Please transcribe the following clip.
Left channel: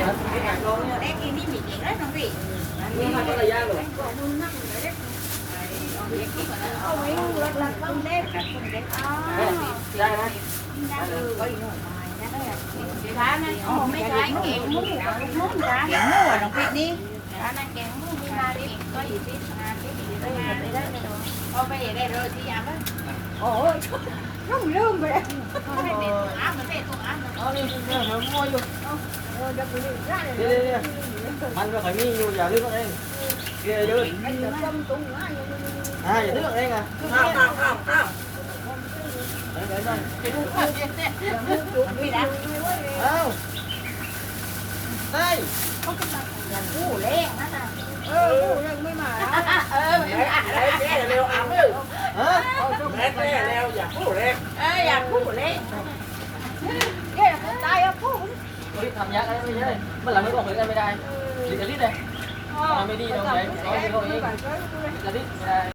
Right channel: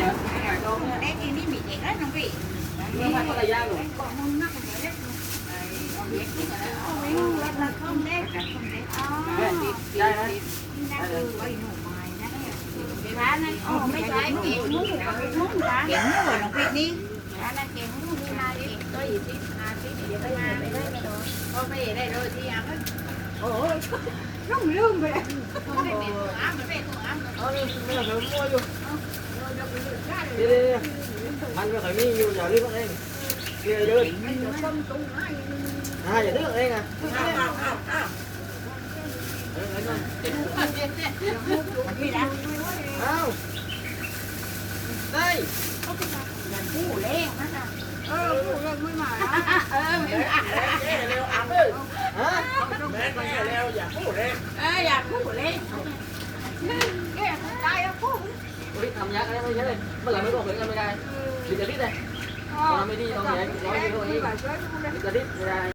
hả? Đây thì không mịt đấy không vị. Nhưng mà có là da rồi. Ôi, lật lật không đấy, không đấy. Đây, da đây. Nó từ có gì nổi mày nó Lá này, Oh, mấy cái kẹo muốn muốn ra. Kẹo mua rồi, đồng vị đi. Lá này kẹo muốn đi ra đi. Có gì đi, à, cái gì đây là đây đây rồi. Ô, bây giờ đây rồi thì ăn đấy. Ồ, không rung vậy. Không phải về tủ áo, nó về tủ áo. Ờ, đi, đi, rồi mua vô. Đi, đi, đi. Vào phải mi giờ đi có đây. Đây đưa. À, vậy nước đây nè. Không, không, không, không. Không. Đây. củ lên á nè. Để, để chế là leo ẩm ư. Hả? Là leo và phú đen. Ê, dạ củ เรีบทำยากษ์อะไรไม่ใช่เลยมันหลังไม่บอกเลยไม่ได้ดิจิลิสเลยทำไม่ดีตรงไหนร้อยกิโลนี้ดิจิลิสไม่ได้